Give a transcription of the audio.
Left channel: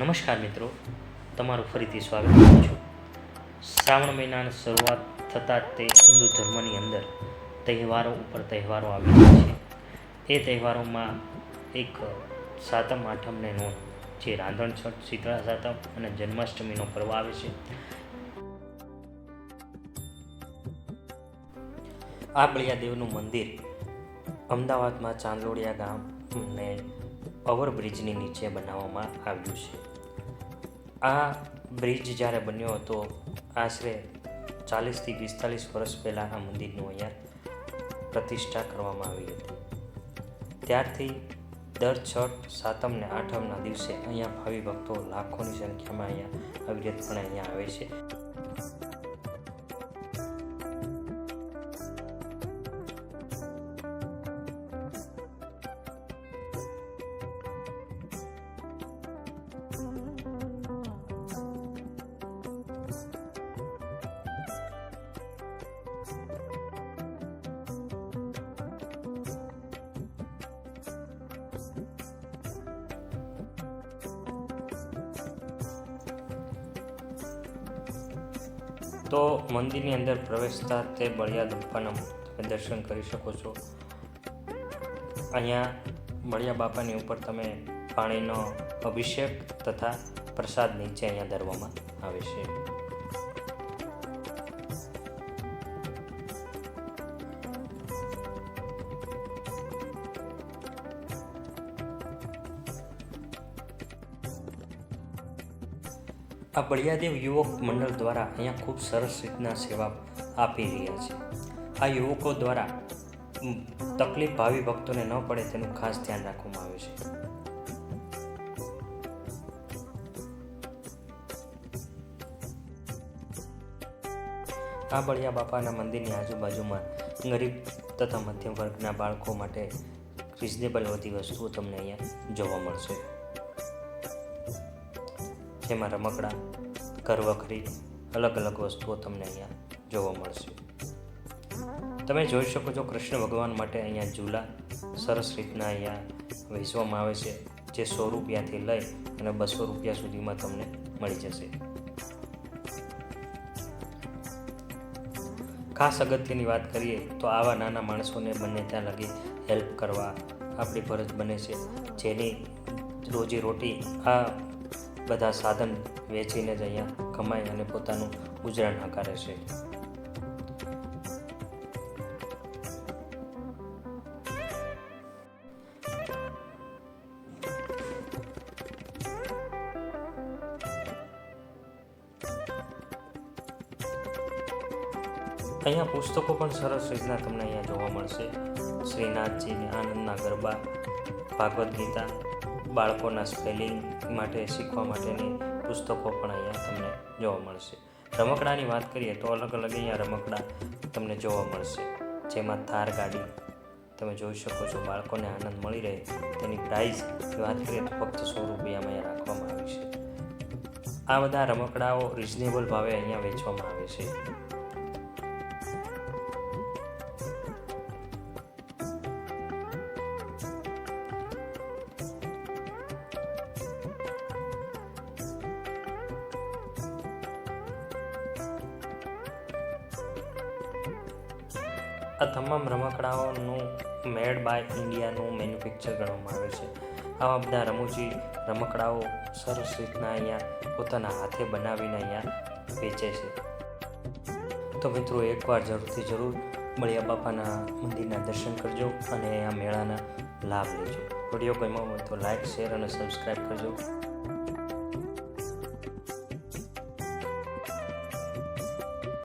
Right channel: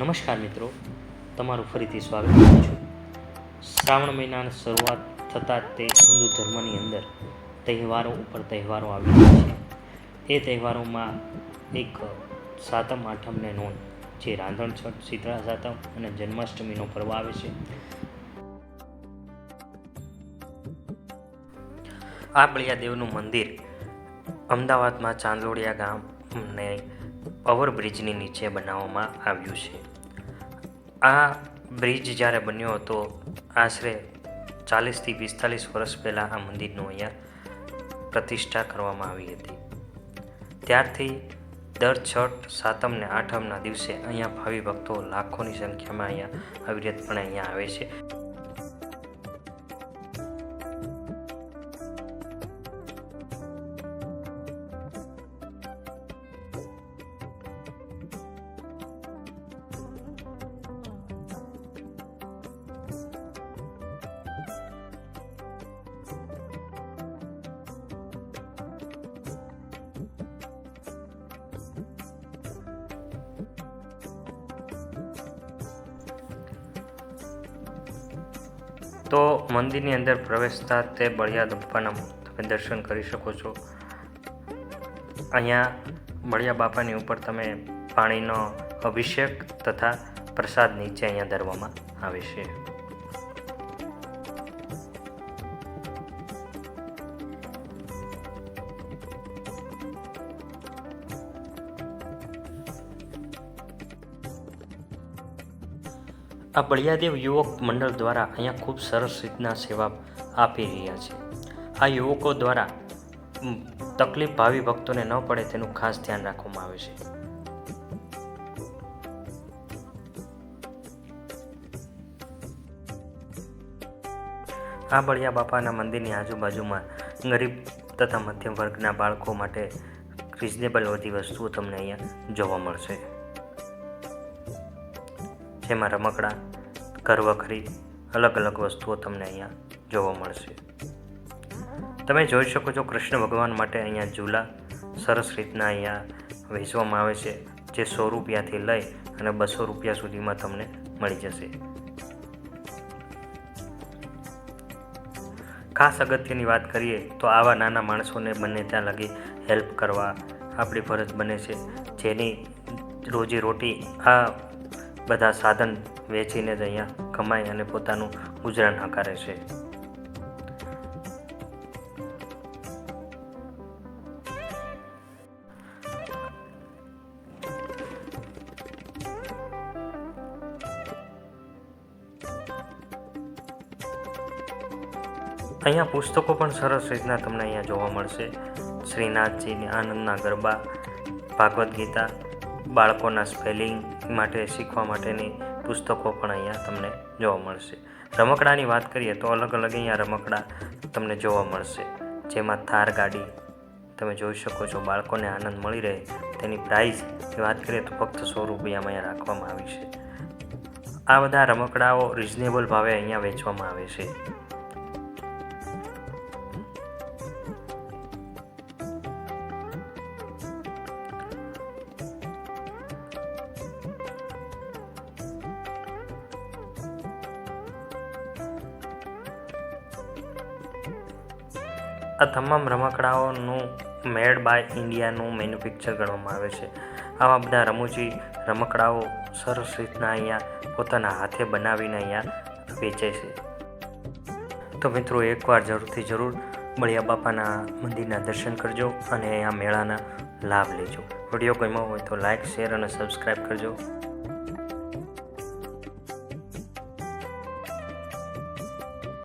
નમસ્કાર મિત્રો, તમારું ફરીથી સ્વાગત કરું છું. શ્રાવણ મહિનાની શરૂઆત થતાં તે હિન્દુ ધર્મની અંદર તહેવારો ઉપર તહેવારો આવી રહ્યા છે. એ તહેવારોમાં એક સાતમ આઠમને નોંધ, જે રાંધણછઠ, શીતળા સાતમ અને જન્માષ્ટમીનો પર્વ આવે છે. આ બળિયાદેવનું મંદિર અમદાવાદમાં ચાંદલોડિયા ગામને ઓવરબ્રિજની નીચે બનાવવામાં આવ્યું છે. આ બ્રિજ જ્યારે બન્યો હતો, આશરે 40થી 45 વર્ષ પહેલાં આ મંદિરનું અહીંયા પ્રતિષ્ઠા કરવામાં આવી હતી. ત્યારથી દર છઠ, સાતમ ને આઠમના દિવસે અહીંયા ભાવિ ભક્તો લાખોની સંખ્યામાં અહીંયા અવિરતપણે અહીંયા આવે છે. તો મંદિરની અંદર પ્રવેશતા તે બળિયા બાપાના તમે દર્શન કરી શકો છો. અહીંયા બળિયા બાપાની ઉપર તમે પાણીનો અભિષેક તથા પ્રસાદ નીચે અહીંયા ધરવામાં આવે છે. આ બળિયાદેવ યુવક મંડળ દ્વારા અહીંયા ખૂબ સરસ રીતના સેવા આપી રહ્યા છે. આ યુવકો દ્વારા તકલીફ ભાવિ ભક્તોને ન પડે તેનું ખાસ ધ્યાન રાખવામાં આવે છે. આ બળિયા બાપાના મંદિરની આજુબાજુમાં ગરીબ તથા મધ્યમ વર્ગના બાળકો માટે રિઝનેબલ બધી વસ્તુઓ તમને અહીંયા જોવા મળશે, જેમાં રમકડા, ઘરવખરી, અલગ અલગ વસ્તુઓ તમને અહીંયા જોવા મળશે. તમે જોઈ શકો છો, કૃષ્ણ ભગવાન માટે અહીંયા ઝૂલા સરસ રીતના અહીંયા વેચવામાં આવે છે, જે 100 રૂપિયાથી લઈ અને 200 રૂપિયા સુધીમાં તમને મળી જશે. ખાસ અગત્યની વાત કરીએ તો આવા નાના માણસોને બને ત્યાં લગી હેલ્પ કરવા આપણી ફરજ બને છે, જેની રોજીરોટી આ બધા સાધન વેચીને જ અહીંયા કમાય અને પોતાનું ગુજરાન હકારે છે. અહીંયા પુસ્તકો પણ સરસ રીતના તમને અહીંયા જોવા મળશે. શ્રીનાથજીની આનંદના ગરબા, ભાગવદ્ ગીતા, બાળકોના સ્પેલિંગ માટે શીખવા માટેની પુસ્તકો પણ અહીંયા તમને જોવા મળશે. રમકડાની વાત કરીએ તો અલગ અલગ અહીંયા રમકડા તમને જોવા મળશે, જેમાં થાર ગાડી તમે જોઈ શકો છો. બાળકોને આનંદ મળી રહે તેની પ્રાઇસની વાત કરીએ તો ફક્ત 100 રૂપિયામાં અહીંયા રાખવામાં આવી છે. આ બધા રમકડાઓ રિઝનેબલ ભાવે અહીંયા વેચવામાં આવે છે. આ તમામ રમકડાઓનું મેડ બાય ઇન્ડિયાનું મેન્યુફેક્ચર કરવામાં આવે છે. આવા બધા રમૂજી રમકડાઓ સરસ રીતના અહીંયા પોતાના હાથે બનાવીને અહીંયા વેચે છે. તો મિત્રો, એકવાર જરૂરથી જરૂર બળિયા બાપાના મંદિરના દર્શન કરજો અને આ મેળાના લાભ લેજો. વિડીયો ગમ્યો હોય તો લાઇક, શેર અને સબસ્ક્રાઈબ કરજો.